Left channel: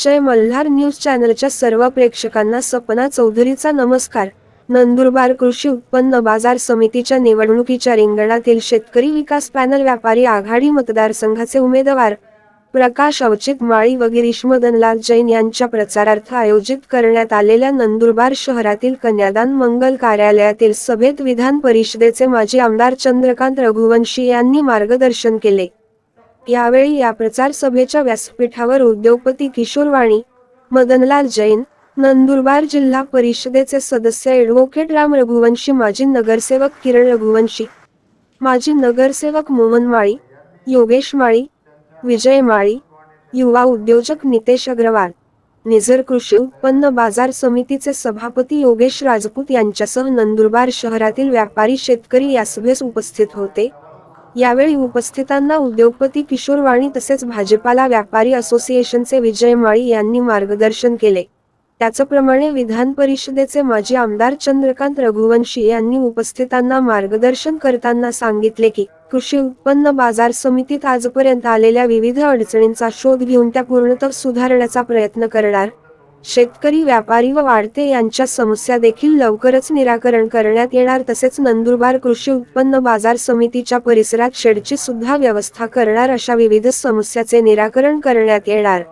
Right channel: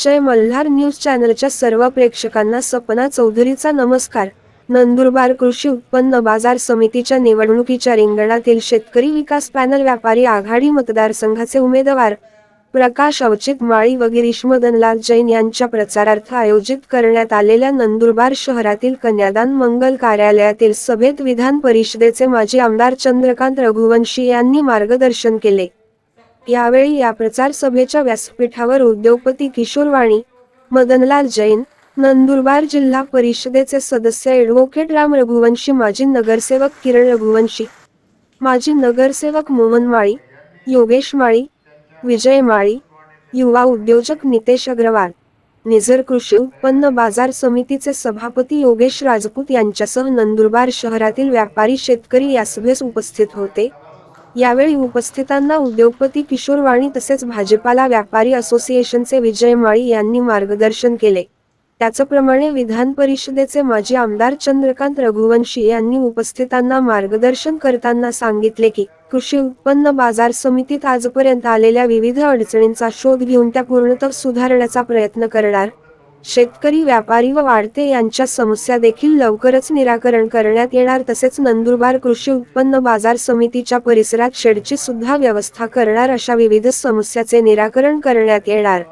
जय मल्हार न्यूज चॅनलच्या सर्व प्रेक्षकांना सपना चौधरीचा नमस्कार। नंदुरबार कृषी उत्पन्न बाजार समितीच्या निवडणुकीच्या रिंगणातील शेतकरी विकास पॅनल व्यापारी आघाडी मतदारसंघाचे उमेदवार प्रकाश अवचित माळी व गिरीश मदनलाल जैन यांच्या प्रचारार्थ आयोजित करण्यात आलेल्या नंदुरबार शहरातील कन्यादान मंगल कार्यालयातील सभेत विधान परिषदेचे माजी आमदार चंद्रकांत रघुवंशी यांनी मार्गदर्शन केले। यावेळी या प्रचार सभेच्या व्यासपीठावर उद्योगपती किशोर वाणी, मदनलाल जैन, नंदुरबार जिल्हा परिषदेचे सदस्य ॲडव्होकेट राम रघुवंशी, माजी नगरसेवक किरण रघुवंशी, माजी नगरसेवक मोहन माळी, योगेश माळी, विजय माळी, युवा उद्योजक नितेश अग्रवाल, निझर कृषी उत्पन्न बाजार समितीचे सभापती योगेश राजपूत यांच्यासह नंदुरबार शहरातील व्यापारी शेतकरी या सभेस उपस्थित होते। यावेळी उपस्थितांना उद्योगपती किशोर वाणी तसेच भाजीपाला व्यापारी असोसिएशनचे विजय माळी यांनी मार्गदर्शन केले। त्याचप्रमाणे विधान परिषदेचे माजी आमदार चंद्रकांत रघुवंशी यांनी उपस्थितांना मार्गदर्शन करताना सांगितले की कृषी उत्पन्न बाजार समितीत आजपर्यंत आलेल्या विविध अडचणींचा शोध घेऊन त्या पूर्णतः सुधारण्याचा प्रयत्न करणार। शेतकरी, व्यापारी व वाढते यांच्या समस्या देखील लवकरच निराकरण करण्यात येणार। तसेच नंदुरबार कृषी उत्पन्न बाजार समितीच्या परिसरात शेडची सुद्धा व्यवस्था करणार, अशा विविध समस्याचे निराकरण करण्यात येणार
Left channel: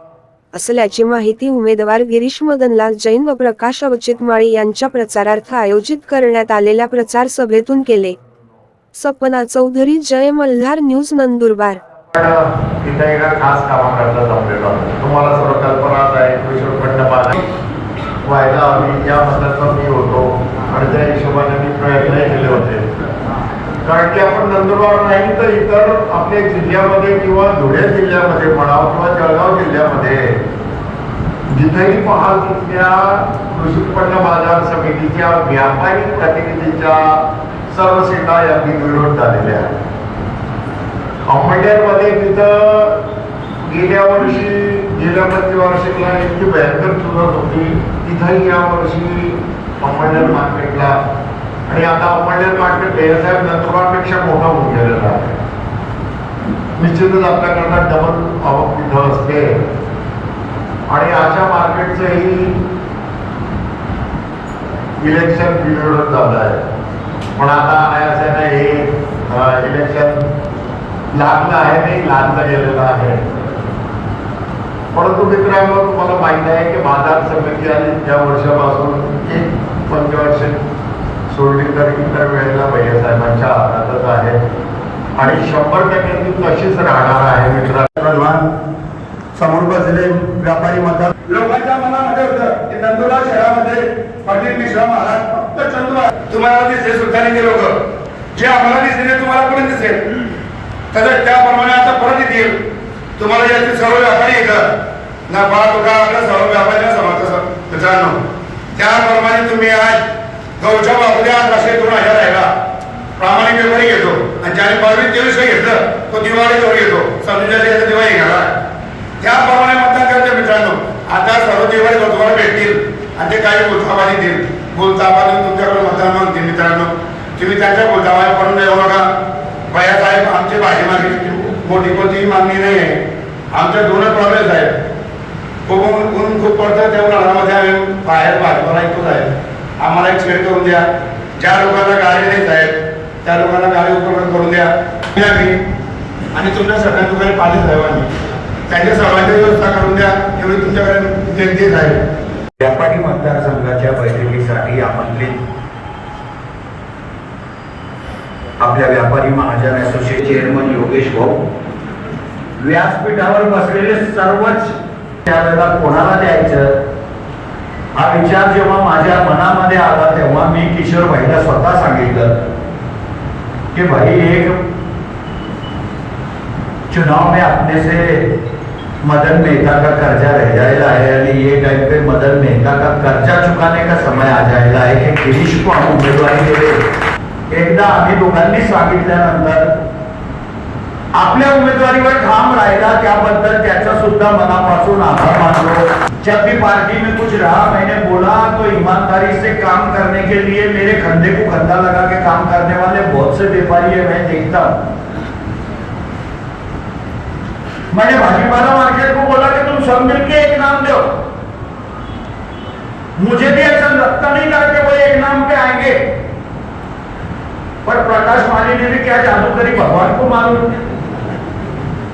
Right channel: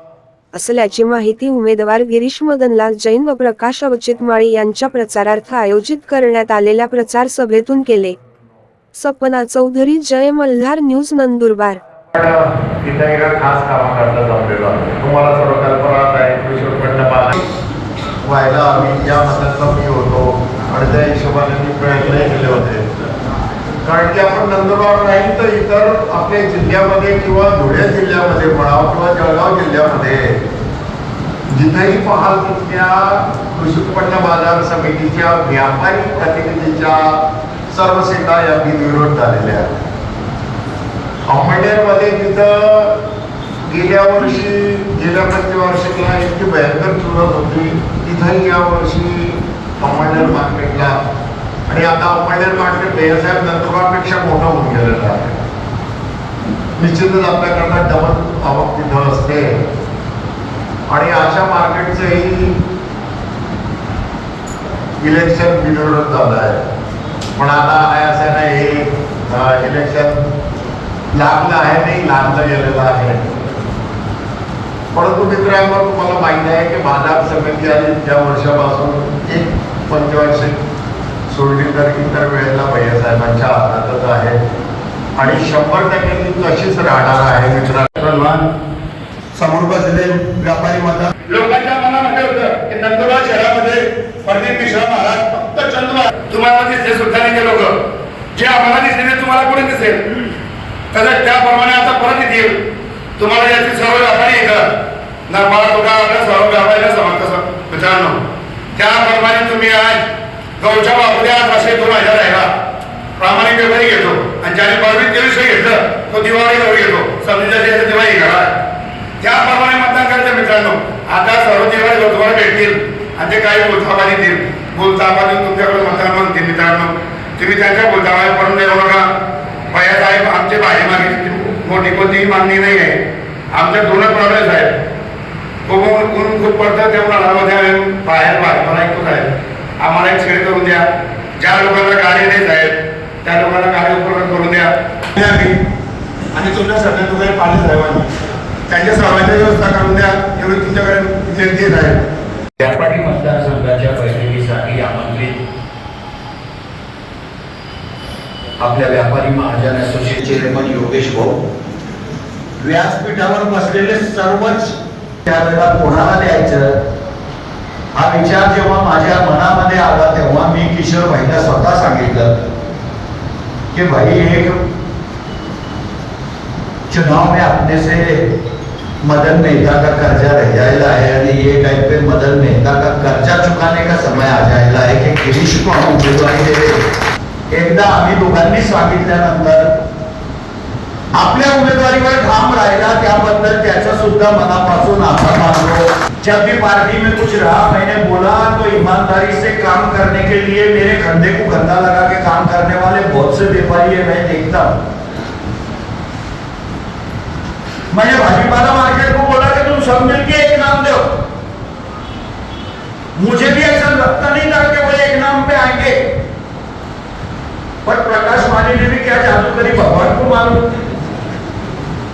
असल्याची माहिती उमेदवार गिरीश मदनलाल जैन व प्रकाश अवचित माळी यांच्या प्रचारार्थ आयोजित करण्यात आलेल्या प्रचार सभेतून केले। सपना चौधरी, जय मल्हार न्यूज, नंदुरबार। खास काम करता जमलेला तुम्हाला सर्व कल्पना आहे। कृषी उत्पन्न बाजार व्हायला आम्ही या मताचा मी होतो आणि त्या हिशोबाने मी प्रयत्न केले होते, कारण की आपण नंदुरबार नाही तर इतर आपल्या जिल्ह्यामध्ये किंवा धुळे जिल्ह्यामध्ये म्हणा किंवा जळगाव जिल्ह्यामध्ये जिथेही पाहाल तिथल्या कृषी उत्पन्न बाजार समितीच्या व्यापारी प्रतिनिधीच्या सर्व सीटा या बिनविरोध झालेल्या आहेत। अहमदनगरमध्ये तिथं गेल्या पंचवार्षिकला इतकी भयंकर चुरस होती, तिथंही या वर्षी अहमदनगर मार्केटला आणि आता अहमदनगर मार्केट साहेब नंदुरबारपेक्षा मोठं होऊन गेलेलं आहे। निश्चितच आपल्याकडनं डबल आवक तिथं असते आणि अशा मार्केटचंही इलेक्शन बिनविरोध झालं आहे। पण आता असं नाही, हे इलेक्शन लागलं आहे, नाही लागलं गेलेलं आहे। परंतु मित्रांनो, तुम्हाला माहिती आहे की बाजार समिती आणि ज्या वर्षापासून एक पंचवार्षिक सोडली तर इतर वेळेला भैयासाहेबांच्या हातातच आहे आणि 100% ती तशीच राहणार आहे। मित्रांनो, समोर बसलेले व्यापारी मतदार लोकांच्या मनामध्ये होतं की नंदुरबार शहरामध्ये प्रदीप मिश्रा महाराज फक्त चंद्र तुम्हाला दिसले सुद्धा नाही, लोक जे आम्हाला दिसले तुम्हाला कोणी दिसेल तसं त्याप्रमाणे आता परत येतील। तुम्हाला याची सर्व व्यापारी येतात ना, बाळा तुला आपल्या सर्व व्यापाऱ्यांना समजतं मित्रांनो, त्याप्रमाणे तुम्ही आज गौच्या बाबूद्या 2000 राहिला प्रामाणिक व्यापारी घेतो आणि ज्याने 22-23 घेतलं तो दिवाळी गौर घेतो, समजायचे दिवाळी घाला, त्याप्रमाणे मतदान करायचं मित्रांनो। आता सर्व दिवाळी गौर तुम्हाला भेटतील आणि ते काही बोलताबा देतील, बोलताबा तुमच्याकडे मतदान मागतील। मित्रांनो, तुम्ही त्यांच्या बोलताबा पडून देऊ नका। भैयासाहेब आमची भाजी मागणी मोठी कोणतीही मागणी नाही आहे, आमच्या 2 प्रॉब्लेम्स आहेत। ऊन खूप पडतं तेव्हा घरामध्ये आम्ही बाहेर भाजीपाला ऐकून आहे, आम्हाला एक सोय करून द्या। ज्या लोकांना गाडी नाही आहेत त्या लोकांना गाडी उपलब्ध करून द्या आम्ही, आणि तुमच्या सगळ्या तुम्हाला पाणी साहेबांनी त्यांच्या सर्वांची व्यवस्था करून द्या, एवढी तुमच्याकडे विनंती आहे। व्यापारी मतदारसंघाच्या बैठकीसाठी आमंत्रित आपल्या व्यापारी महाजन असोसिएशन चेअरमन योगेश भाऊ, व्यासपीठावर बसलेले सर्वच त्यावेळेला कोणाला द्यायचं हा विचार जेव्हा माझ्या मनामध्ये आला तेव्हा मी किशोर भाईला स्वतः सांगितलं कि भाई एक चुनाव में अपने से मदन मेहता का कर्जा रह जाएगा है और ये टाइम पे मदन मेहता का कर्जा चुकाने का समय आ जाएगा है कि गिरीश को हम उम्मीदवारी देवे। एकदा आम्ही दोघांनी सांगितल्यानंतर आपल्या उमेदवारीवर ठाम राहिला, त्याबद्दल त्याचा सुद्धा मनापासून आभार मानतो। जब भी पार्टी में कुछ रहा मैंने बोला तो ईमानदारी से काम करने के लिए मेरे कंधे को कंधा लगा के काम करने वाले बहुत से व्यापारी है, मैं देखता हूं। मैंने भाजीपाला मार्केट को बोला कि तुम सब मिलके एक नाम दो। मुझे भी ऐसा लगता नहीं था कि वो एक नाम पे आएंगे, पर प्रकाश माली ने भी क्या जादू करी भगवान को मालूम।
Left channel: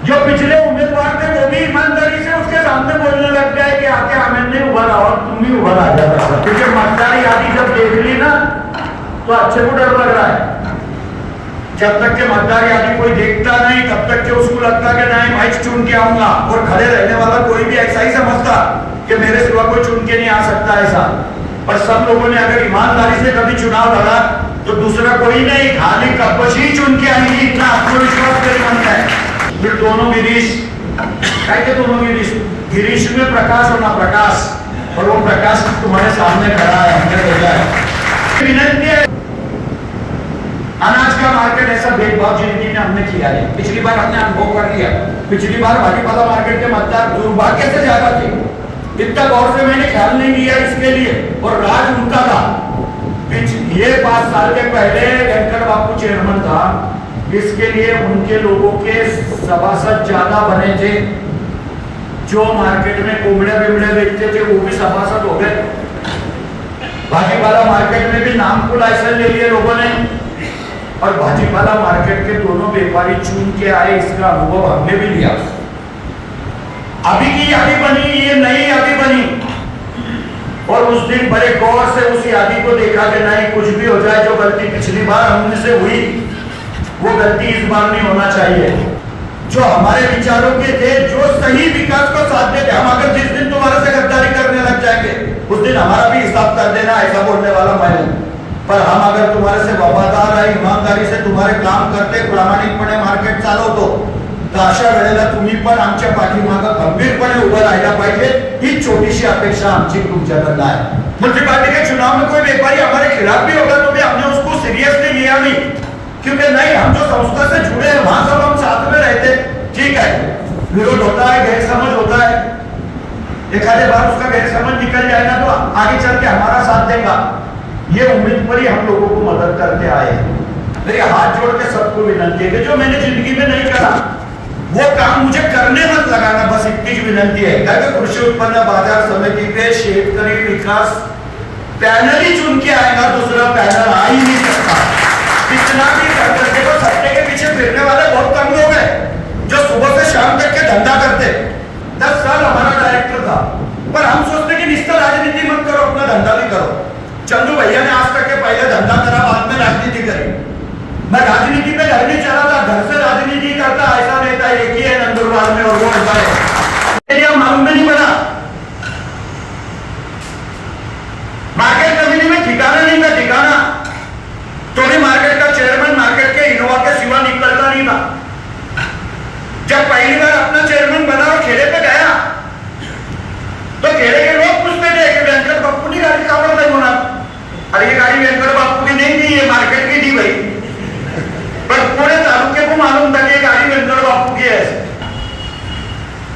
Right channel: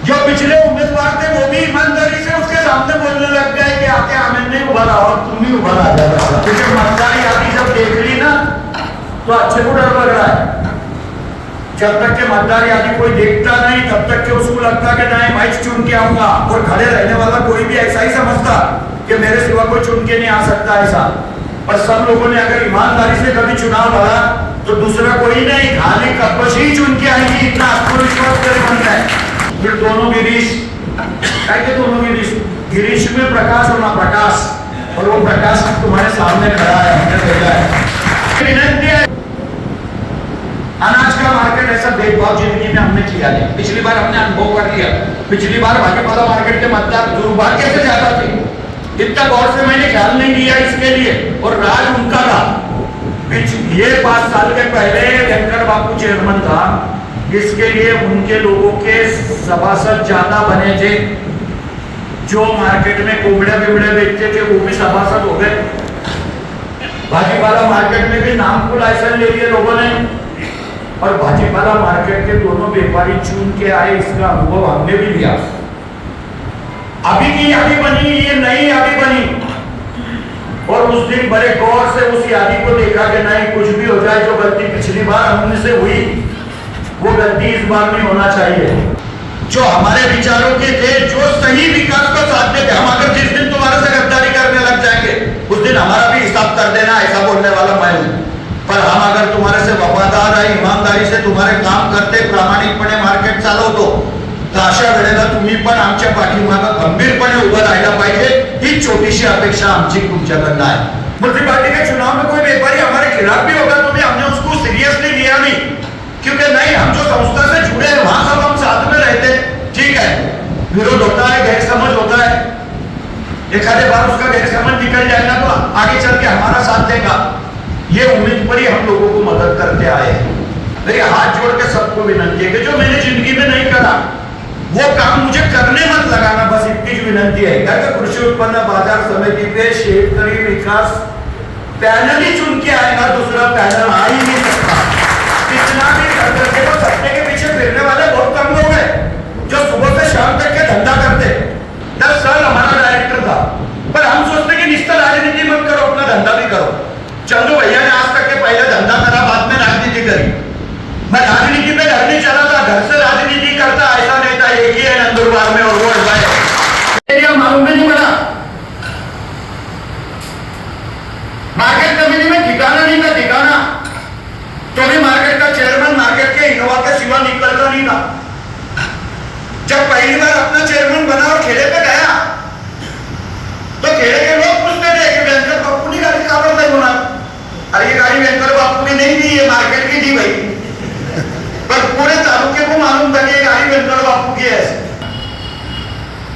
जो पिछले उम्मीदवार थे वो भी ईमानदारी से उसके सामने बोलने लग गए कि आके हमें नहीं उभरा और तुम ही उभर आ जाएगा, क्योंकि मतदार यादी जब देख ली ना तो अच्छे को डर लग रहा है। जब तक के मतदार यादी कोई देखता नहीं तब तक के उसको लगता कि नहीं मैं चुन के आऊंगा, और खड़े रहने वाला कोई भी ऐसा ही समझता कि मेरे सिवा कोई चुन के नहीं आ सकता ऐसा। पर सब लोगों ने अगर ईमानदारी से कभी चुनाव लड़ा तो दूसरा कोई नहीं, खाली कपश ही चुन के आएंगी, इतना आत्मविश्वास मेरे मन है। फिर दोनों गिरीश, क्या दोनों गिरीश, गिरीश में प्रकाश होना प्रकाश, और वो प्रकाश तुम्हारे सामने खड़ा है, हमने भेजा है। विनती है, अनाज का मार्केट ऐसा भेदभाव जिंदगी में हमने किया नहीं। पिछली बार हमने अनुभव कर लिया। पिछली बार भाजीपाला मार्केट के मतदार दुर्भाग्य से ज्यादा थे, इतना गौर से मैंने ख्याल नहीं किया इसके लिए, और राज उनका था। ये 5 साल के पहले वेंकट बापू चेयरमैन था, इसके लिए उनके लोगों के सभासद ज्यादा बने थे। जो मार्केट में कोबड़े बिबड़े बेचते थे वो भी सभासद हो गए। भाजीपाला मार्केट में भी नाम को लाइसेंस ले लिए लोगों ने, और भाजीपाला मार्केट के दोनों व्यापारी चुन के आए, इसका अनुभव हमने भी लिया। अभी की यादी बनी, ये नई यादी बनी, और उस दिन बड़े गौर से उस यादी को देखा कि नहीं, कुछ भी हो जाए, जो गलती पिछली बार हमने से हुई वो गलती इस बार नहीं होना चाहिए। जो हमारे विचारों के थे, जो सही विकास को साधने थे, हम अगर जिस दिन तुम्हारे से गद्दारी करने लग जाएंगे उस दिन हमारा भी हिसाब कर देना, ऐसा बोलने वाला मैं हूं। पर हम अगर तुम्हारे से वफादार है, ईमानदारी से तुम्हारे काम करते, प्रामाणिकपणे मार्केट चालवतो, तर अशा वेळेला तुम्ही पण आमच्या पाठीमागं खंबीरपणे उभं राहायला पाहिजे, ही छोटीशी अपेक्षा आमची तुमच्याकडनं आहे। म्युनिसिपालिटी के चुनाव में कोई व्यापारी हमारे खिलाफ भी होगा तो भी हमने उसको सीरियसली लिया नहीं, क्योंकि नहीं, हम जो संस्था से जुड़े हैं वहां सब हम साथ में रहते। ठीक है, विरोध होता है, गैरसमझ होता है, एक आधे बार उसका गैरसमझ निकल जाएगा तो आगे चल के हमारा साथ देगा, ये उम्मीद पर ही हम लोगों को मदद करते आए हैं। मेरी हाथ जोड़ के सबको विनंती है कि जो मैंने जिंदगी में नहीं करा वो काम मुझे करने मत लगाना, बस इतनी विनंती है। क्या कृषि उत्पन्न बाजार समिति पे शेतकरी विकास पैनल ही चुन के आएगा, दूसरा पैनल आ ही नहीं सकता। कितना भी करते, पर सत्ते के पीछे फिरने वाले बहुत कम लोग हैं जो सुबह से शाम तक के धंधा करते। 10 साल हमारा डायरेक्टर था, पर हम सोचते कि निश्चित राजनीति मत करो, अपना धंधा भी करो। चंदू भैया ने आज तक के पहले धंधा करा, बाद में राजनीति करी। मैं राजनीति पे घर नहीं चला था, घर से राजनीति करता, ऐसा नहीं था। एक ही है नंदुरबार में, और वो मालूम नहीं बना। मार्केट कमेटी में ठिकाना नहीं था, ठिकाना तो भी मार्केट का चेयरमैन मार्केट के इनोवा के सिवा निकलता नहीं था। जब पहली बार अपना चेयरमैन बना और खेड़े पे गया तो खेड़े के लोग पूछते थे कि वेंकट बापू की गाड़ी कहाँ पर होना। अरे ये गाड़ी वेंकट बापू की नहीं थी, ये मार्केट की थी भाई, पर पूरे तालुके को मालूम था कि गाड़ी वेंकट बापू की है।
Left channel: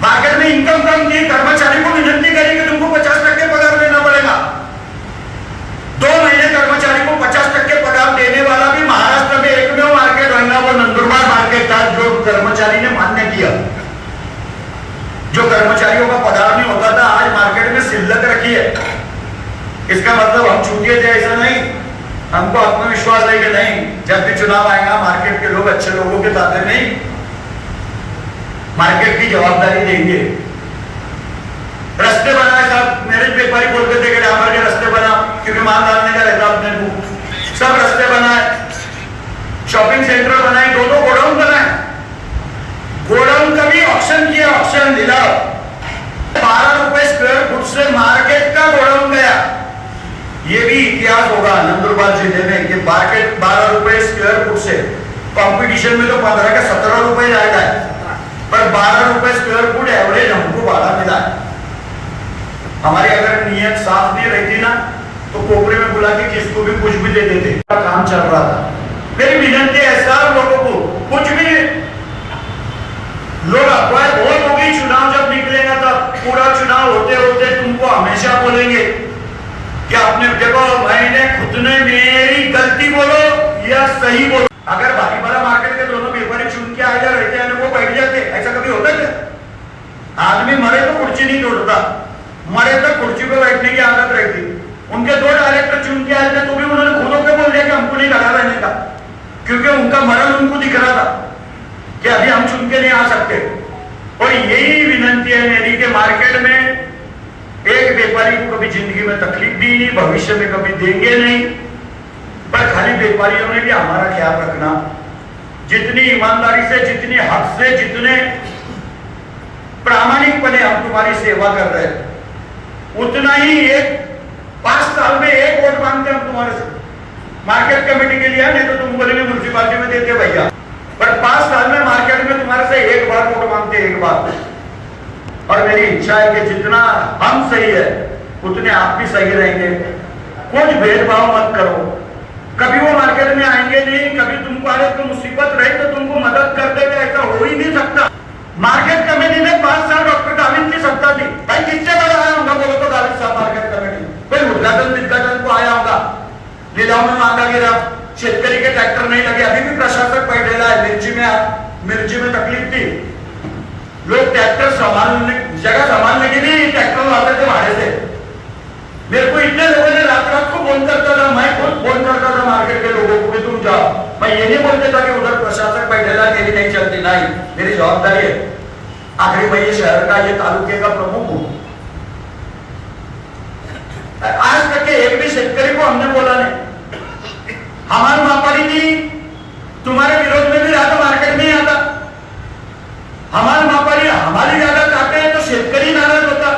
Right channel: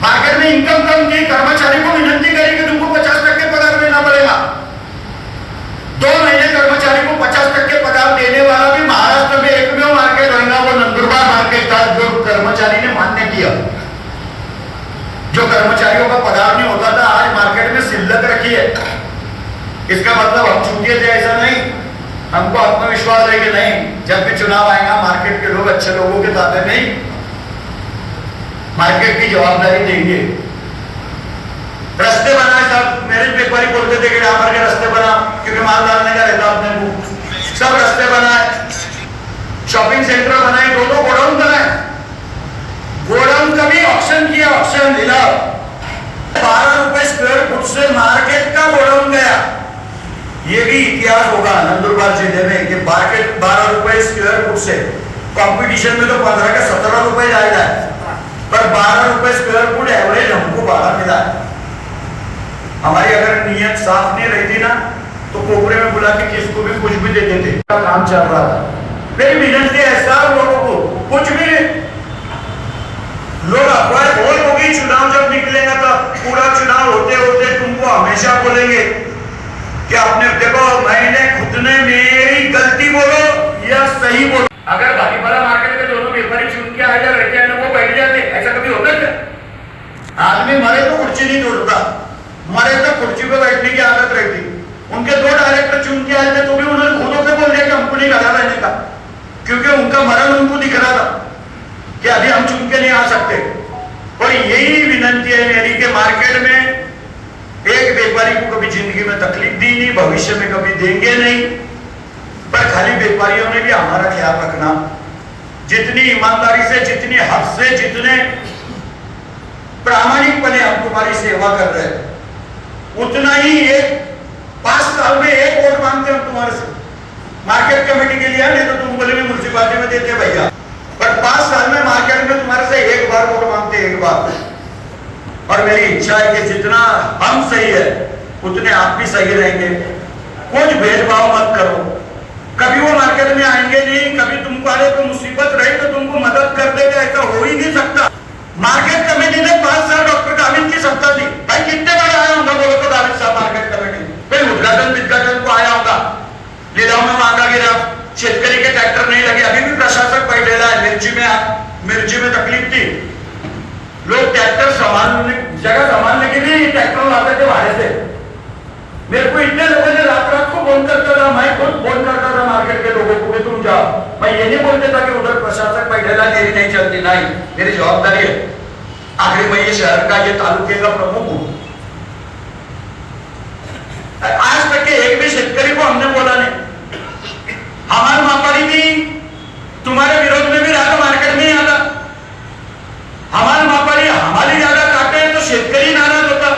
मार्केट में इनकम कम थी, कर्मचारी को विनती करी कि तुमको 50% पगार देना पड़ेगा। 2 महीने कर्मचारी को 50% पगार देने वाला भी महाराष्ट्र में एकमेव मार्केट रहना वो नंदुरबार मार्केट था, जो कर्मचारी ने मान्य किया। जो कर्मचारियों का पगार नहीं होता था, आज मार्केट में शिल्लक रखी है। इसका मतलब हम चूके थे ऐसा नहीं, हमको आत्मविश्वास है कि नहीं, जब भी चुनाव आएगा मार्केट के लोग अच्छे लोगों के साथ नहीं, मार्केट की जवाबदारी देंगे। रास्ते बनाए साहब, मेरे व्यापारी बोलते थे कि डामर के रास्ते बना, क्योंकि माल डालने का रहता अपने को। सब रास्ते बनाए, शॉपिंग सेंटर बनाए, 2 गोडाउन बनाए। गोडाउन का भी ऑप्शन किया, ऑप्शन दिला। 12 रुपए स्क्वायर फुट से मार्केट का गोडाउन गया। ये भी इतिहास होगा नंदुरबार जिले में कि मार्केट 12 रुपए स्क्वायर फुट से, कंपटीशन में तो 15 का 17 रुपए जाएगा, पर 12 रुपए स्क्वायर फुट एवरेज हमको भाड़ा मिला। हमारी अगर नियत साफ नहीं रहती ना तो कोबरे में बुला के किसको भी कुछ भी दे देते। काम चल रहा था। मेरी विनती है सब लोगों को, कुछ भी लोग अखबार बहुत होगी, चुनाव जब निकलेगा तो पूरा चुनाव होते होते तुमको हमेशा बोलेंगे कि आपने देखो मैंने खुद ने मेरी गलती बोलो या सही बोलो। अगर भाजीपाला मार्केट के दोनों व्यापारी चुन के आ जा रहते हैं वो बैठ जाते, ऐसा कभी होता है? आदमी मरे तो कुर्सी नहीं तोड़ता। हमारे तो कुर्सी पे बैठने की आदत रहती। उनके 2 डायरेक्टर चुन के आए थे तो भी उन्होंने खुद से बोल दिया कि हमको नहीं लगा रहने का, क्योंकि उनका मरण उनको दिख रहा था कि अभी हम चुन के नहीं आ सकते। और यही विनंती है मेरी कि मार्केट में एक व्यापारी को कभी जिंदगी में तकलीफ दी नहीं, भविष्य में कभी देंगे नहीं, पर खाली व्यापारियों ने भी हमारा ख्याल रखना। जितनी ईमानदारी से, जितनी हक से, जितने प्रामाणिकपने हम तुम्हारी सेवा कर रहे हैं, उतना ही एक 5 साल में 1 वोट मांगते हम तुम्हारे से मार्केट कमेटी के लिए, नहीं तो तुम बोले म्यूनसिपालिटी में देते भैया, पर 5 साल में मार्केट में तुम्हारे से 1 बार वोट मांगते, 1 बार। और मेरी इच्छा है कि जितना हम सही है उतने आप भी सही रहेंगे। कुछ भेदभाव मत करो। कभी वो मार्केट में आएंगे नहीं, कभी तुमको अरे तो मुसीबत रही तो तुमको मदद कर देगा, ऐसा हो ही नहीं सकता। मार्केट कमेटी ने 5 साल डॉक्टर गावित की सत्ता थी। भाई कितने बार आया होगा बोलो तो गावित साहब मार्केट कमेटी, फिर उद्घाटन को आया होगा, लिलाव में मांगा गया, शेतकरी के ट्रैक्टर नहीं लगे, अभी भी प्रशासक बैठेला है। मिर्ची में तकलीफ थी, लोग ट्रैक्टर जगह संभालने के लिए ट्रैक्टर लाते थे भाड़े से। मेरे को इतने लोगों ने रात को फोन करता था, मैं खुद फोन करता था मार्केट के लोगों को कि तुम जाओ। मैं ये नहीं बोलता था कि उधर प्रशासक बैठेला, तेरी नहीं चलती, नहीं, मेरी जवाबदारी है। आखिर मैं ये शहर का, ये तालुके का प्रमुख हूं। आज तक के एक भी शेतकरी को हमने बोला नहीं। हमारे मापाली भी तुम्हारे विरोध में भी रहा तो मार्केट में ही आता। हमारे मापाली हमारी ज्यादा काटे हैं तो शेतकरी नाराज होता,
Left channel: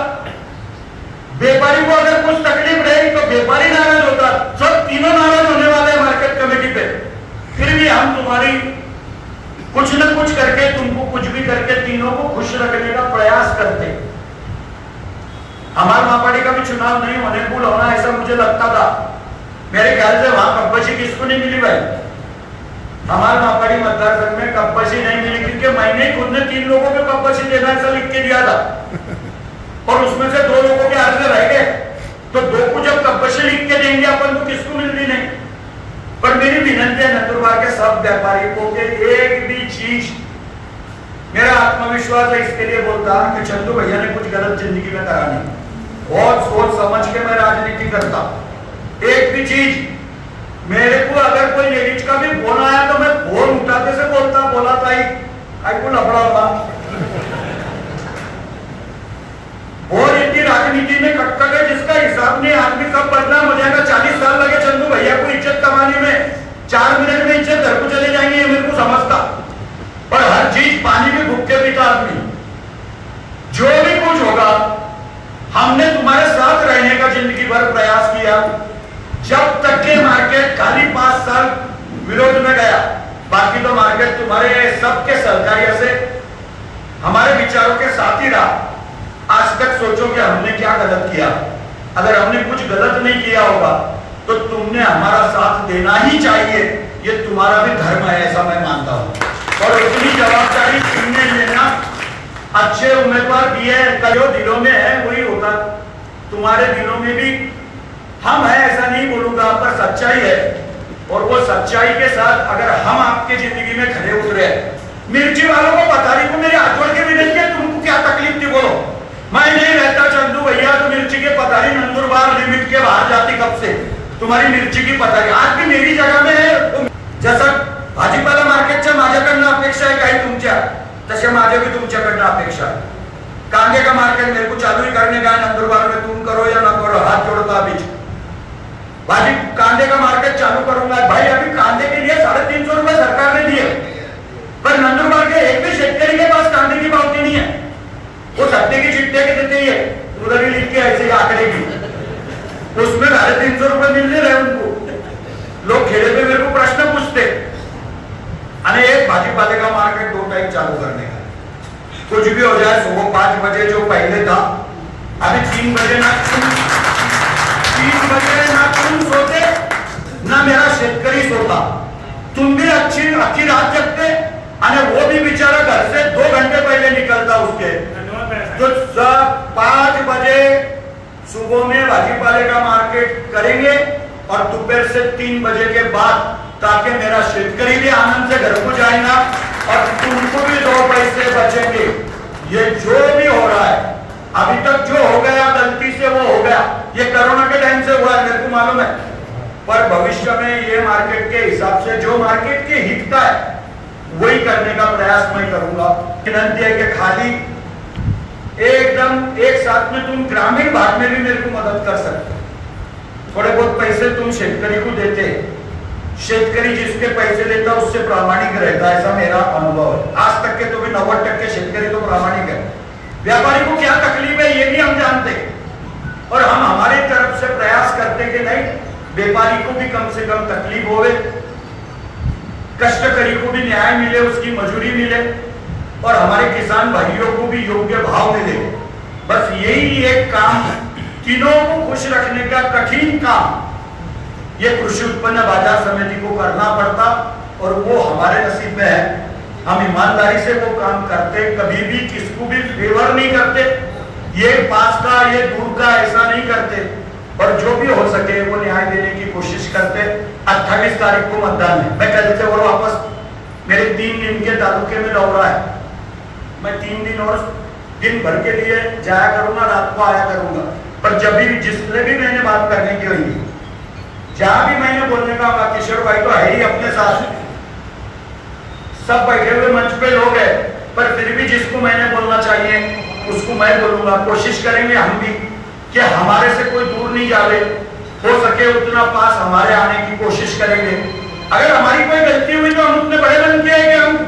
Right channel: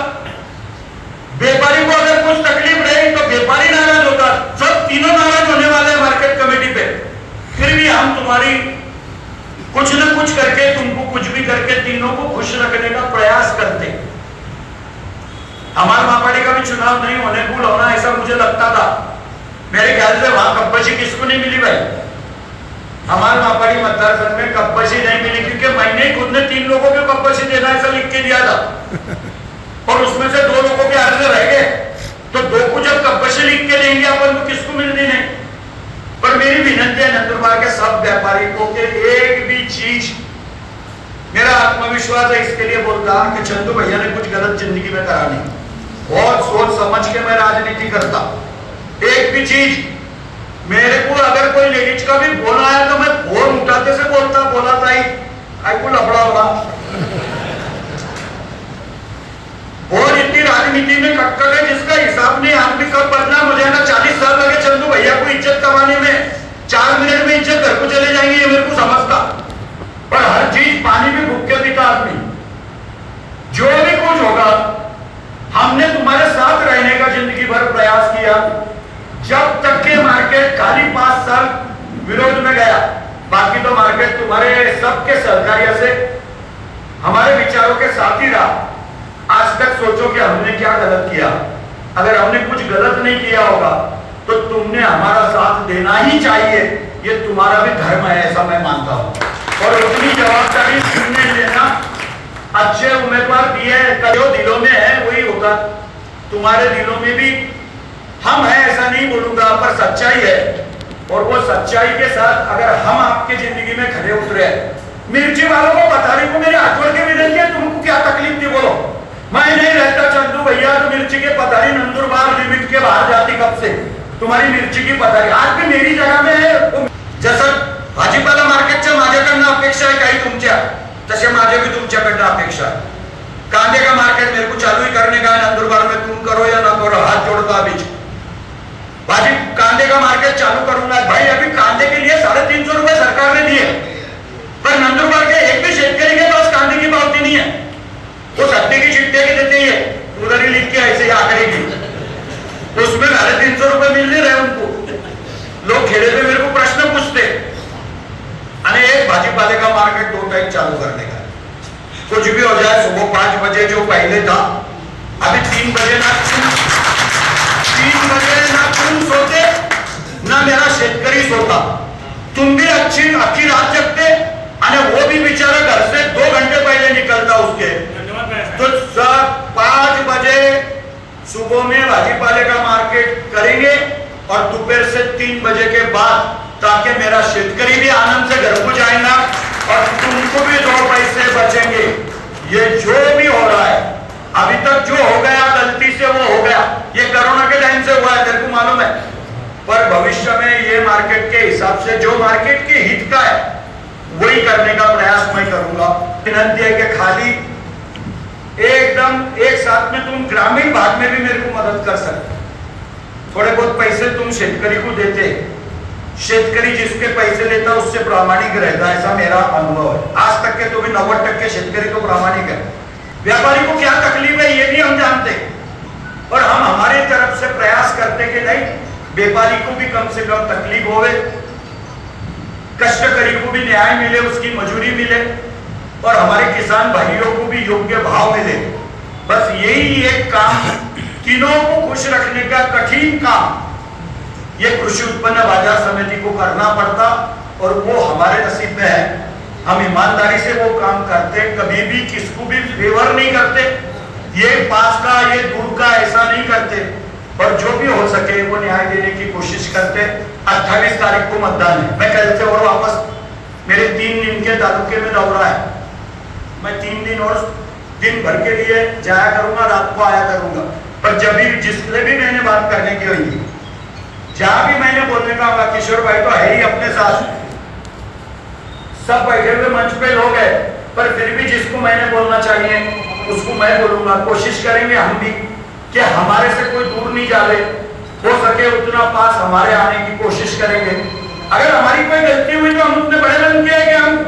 व्यापारी को अगर कुछ तकलीफ रही तो व्यापारी नाराज होता, सब तीनों नाराज होने वाले हैं मार्केट कमेटी पे। फिर भी हम तुम्हारी कुछ न कुछ करके, तुमको कुछ भी करके तीनों को खुश रखने का प्रयास करते। हमारे मापाड़ी का भी चुनाव नहीं होने भूल होना ऐसा मुझे लगता था। मेरे ख्याल से वहां कब्बशी किसको नहीं मिली भाई, हमारे मापाड़ी मतदार संघ में कब्बशी नहीं मिली, क्योंकि मैंने खुद ने 3 लोगों को कब्बशी देना ऐसा लिख के दिया था और उसमें से 2 लोगों के अर्ज रह गए। तो 2 को जब कब्बशी लिख के देंगे अपन तो किसको मिलनी नहीं। पर मेरी विनंती है नंदुरबार के सब व्यापारी को कि एक भी चीज, मेरा आत्मविश्वास है इसके लिए बोलता हूं कि चंदू भैया ने कुछ गलत जिंदगी में करा नहीं, बहुत सोच समझ के मैं राजनीति करता। एक भी चीज मेरे को अगर कोई लेडीज का भी फोन आया तो मैं फोन उठाते से बोला था आई को लफड़ा होगा। और इतनी राजनीति में कक्कड़ है जिसका हिसाब नहीं, आदमी कब बदला मुझे ना 40 साल लगे चंदू भैया को इज्जत कमाने में, 4 मिनट में इज्जत घर को चले जाएंगे ये मेरे को समझता। पर हर चीज पानी में भूख के पीता आदमी। जो भी कुछ होगा हमने तुम्हारे साथ रहने का जिंदगी भर प्रयास किया। जब तक के मार्केट खाली 5 साल विरोध में गया, बाकी तो मार्केट तुम्हारे सबके सहकार्य से हमारे विचारों के साथ ही रहा। आज तक सोचो कि हमने क्या गलत किया। अगर हमने कुछ गलत नहीं किया होगा तो तुमने हमारा साथ देना ही चाहिए, ये तुम्हारा भी धर्म है ऐसा मैं मानता हूं। और उतनी जवाबदारी तुमने लेना, अच्छे उम्मीदवार दिए हैं, जो दिलों में है वही होगा। तुम्हारे दिलों में भी हम है ऐसा नहीं बोलूंगा, पर सच्चाई है। और वो सच्चाई के साथ अगर हम आपके जिंदगी में खड़े उतरे, मिर्ची वालों को बता रही को मेरे हाथ जोड़ के विनती है, तुमको क्या तकलीफ थी बोलो। मैं नहीं रहता चंदू भैया तो मिर्ची के पतारी नंदुरबार लिमिट के बाहर जाती कब से। तुम्हारी मिर्ची की पतारी आज भी मेरी जगह में है। जसं भाजीपाला मार्केटच्या माझ्याकडनं अपेक्षा आहे काही तुमच्या, तसे माझ्या भी तुमच्याकडनं अपेक्षा है। कांदे का मार्केट मेरे को चालू ही करने का है नंदुरबार में, तुम करो या ना करो, हाथ जोड़ता अभी। भाजी कांदे का मार्केट चालू करूंगा भाई। अभी कांदे के लिए 350 रुपए सरकार ने दिए, पर नंदुरबार के एक भी शेतकरी के पास कांदे की पावती नहीं है। वो सट्टे की चिट्ठे की देते ही है, उधर ही लिख के ऐसे ही आंकड़े की, तो उसमें 350 रुपए मिल नहीं रहे उनको। लोग खेड़े में मेरे को प्रश्न पूछते, अरे एक भाजीपाले का मार्केट 2 टाइम चालू करने का, कुछ भी हो जाए सुबह 5 बजे जो पहले था, अभी 3 बजे ना 3 बजे ना तुम सोते ना मेरा शेतकरी सोता। तुम भी अच्छी रात जगते, वो भी बेचारा घर से 2 घंटे पहले निकलता उसके। तो 5 बजे सुबह में भाजीपाले का मार्केट करेंगे और दोपहर से 3 बजे के बाद, ताकि मेरा शेतकरी भी आनंद से घर को जाएगा और तुमको भी 2 पैसे बचेंगे। ये जो भी हो रहा है अभी तक जो हो गया गलती से वो हो गया, ये कोरोना के टाइम से हुआ है, मेरे को मालूम है। पर भविष्य में ये मार्केट के हिसाब से जो मार्केट के हित का है वही करने का प्रयास मैं करूंगा। विनती है कि खाली एकदम एक साथ में तुम ग्रामीण भाग में भी मेरे को मदद कर सकते, थोड़े बहुत पैसे तुम शेतकरी को देते, शेतकरी जिसके पैसे लेता उससे प्रामाणिक रहता, ऐसा मेरा अनुभव है। आज तक के तो भी 90% शेतकरी तो प्रामाणिक है। व्यापारी को क्या तकलीफ है ये भी हम जानते, और हम हमारे तरफ से प्रयास करते कि नहीं, व्यापारी को भी कम से कम तकलीफ होवे, कष्टकरी को भी न्याय मिले, उसकी मजूरी मिले, और हमारे किसान भाइयों को भी योग्य भाव मिले। बस यही एक काम, तीनों को खुश रखने का कठिन काम ये कृषि उत्पन्न बाजार समिति को करना पड़ता, और वो हमारे नसीब में है। हम ईमानदारी से वो काम करते, कभी भी किसको भी फेवर नहीं करते, ये पास का ये दूर का ऐसा नहीं करते, और जो भी हो सके वो न्याय देने की कोशिश करते। 28 तारीख को मतदान है, मैं कल से और वापस मेरे 3 दिन के तालुके में दौरा है, मैं 3 दिन और दिन भर के लिए जाया करूंगा, रात को आया करूंगा। पर जब भी जिससे भी मैंने बात करने की हुई, जहां भी मैंने बोलने का होगा, किशोर भाई तो है ही अपने साथ, सब बैठे हुए मंच पे लोग हैं, पर फिर भी जिसको मैंने बोलना चाहिए उसको मैं बोलूंगा। कोशिश करेंगे हम भी कि हमारे से कोई दूर नहीं जाए, हो सके उतना पास हमारे आने की कोशिश करेंगे। अगर हमारी कोई गलती हुई तो हम उतने बड़े मन किए कि हम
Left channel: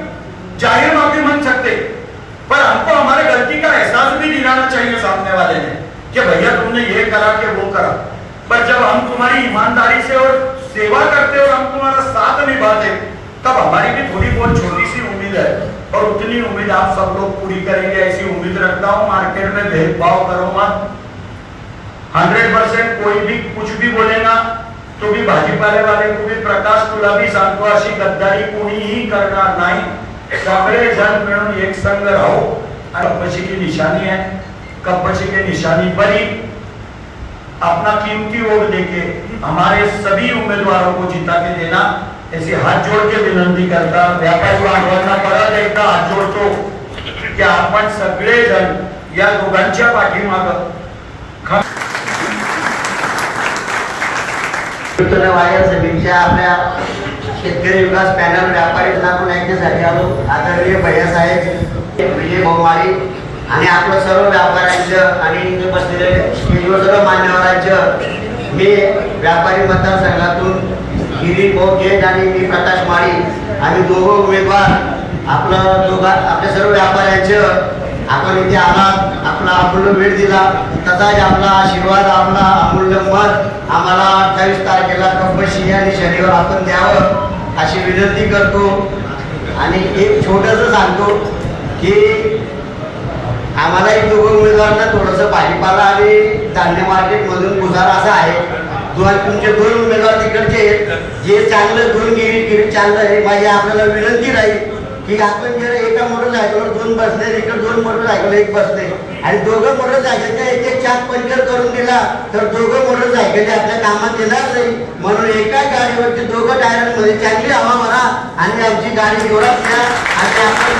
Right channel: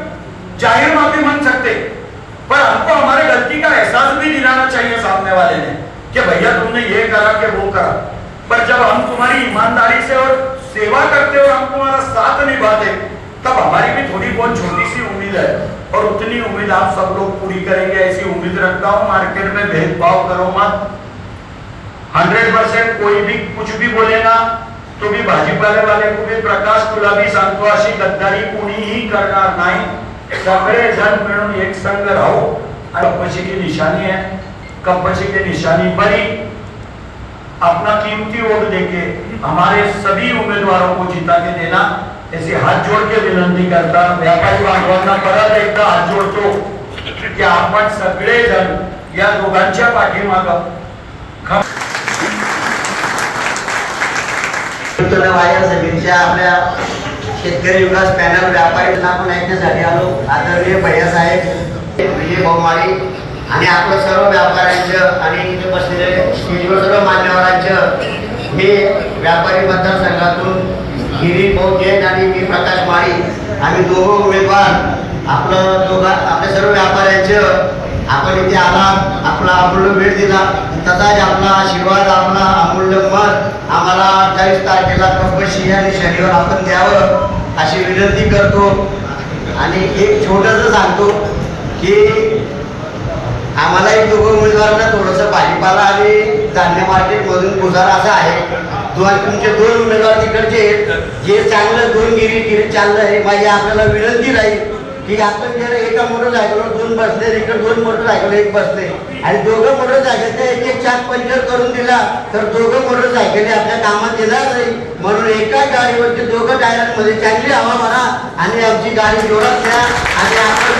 जाहिर माफी मांग सकते, पर हमको हमारे गलती का एहसास भी दिलाना चाहिए सामने वाले ने कि भैया तुमने ये करा कि वो करा। पर जब हम तुम्हारी ईमानदारी से और सेवा करते हो, हम तुम्हारा साथ निभाते, तब हमारी भी थोड़ी बहुत छोटी सी उम्मीद है, और उतनी उम्मीद आप सब लोग पूरी करेंगे ऐसी उम्मीद रखता हूँ। मार्केट में भेदभाव करो मत, 100% कोई भी कुछ भी बोलेगा तो भी भाजीपाले वाले को भी प्रकाश तुला भी सांगतो अशी गद्दारी कोणीही करणार नाही। सगळे जण मिळून एक संघ राहो। कंपची की निशानी है, कंपची की निशानी पर ही अपना कीमती वोट देके हमारे सभी उम्मीदवारों को जिता के देना, ऐसी हाथ जोड़ के विनंती करता। व्यापारी बांधवांना परत एकदा हात जोडतो की आपण सगळे जण या दोघांच्या पाठीमागं बाजार समितीच्या आपल्या शेतकरी विकास पॅनल व्यापारी आपण ऐकण्यासाठी आलो। आदरणीय भैयासाहेब, विजय भाऊमाळी आणि आपलं सर्व व्यापाऱ्यांचं आणि इथे बसलेले स्टेजवर सर्व मान्यवरांचं, मी व्यापारी मतदारसंघातून गिरीश भाऊ जैन आणि मी प्रकाश माळी, आम्ही दोघं उमेदवार आपल्या सर्व व्यापाऱ्यांचं आपण इथे आलात, आपला अमूल्य वेळ दिला, तसाच आपला आशीर्वाद, आपला अमूल्य मत आम्हाला 28 तारखेला कंपल्सरी आणि शनिवार आपण द्यावं अशी विनंती करतो। आणि एक छोटंसं सांगतो की आम्हालाही दोघं उमेदवारांना थोडंसं भाजीपाला आणि धान्य मार्केटमधून गुजारा असा आहे। तुमचे 2 उमेदवार तिकडचे आहेत, जे चांगलं दोन गिरी चाललं आहे। माझी आपल्याला विनंती राहील की आपण जर एका मोटरसायकलवर 2 बसले, इकडे 2 मोटरसायकल 1 बसले आणि दोघं मोटरसायकलच्या एक चाक पंक्चर करून दिला तर दोघं मोटरसायकल आपल्या कामात येणार नाही। म्हणून एका गाडीवरती दोघं टायरांमध्ये चांगली हवा भरा आणि आमची गाडी जोरात घ्या आणि आपण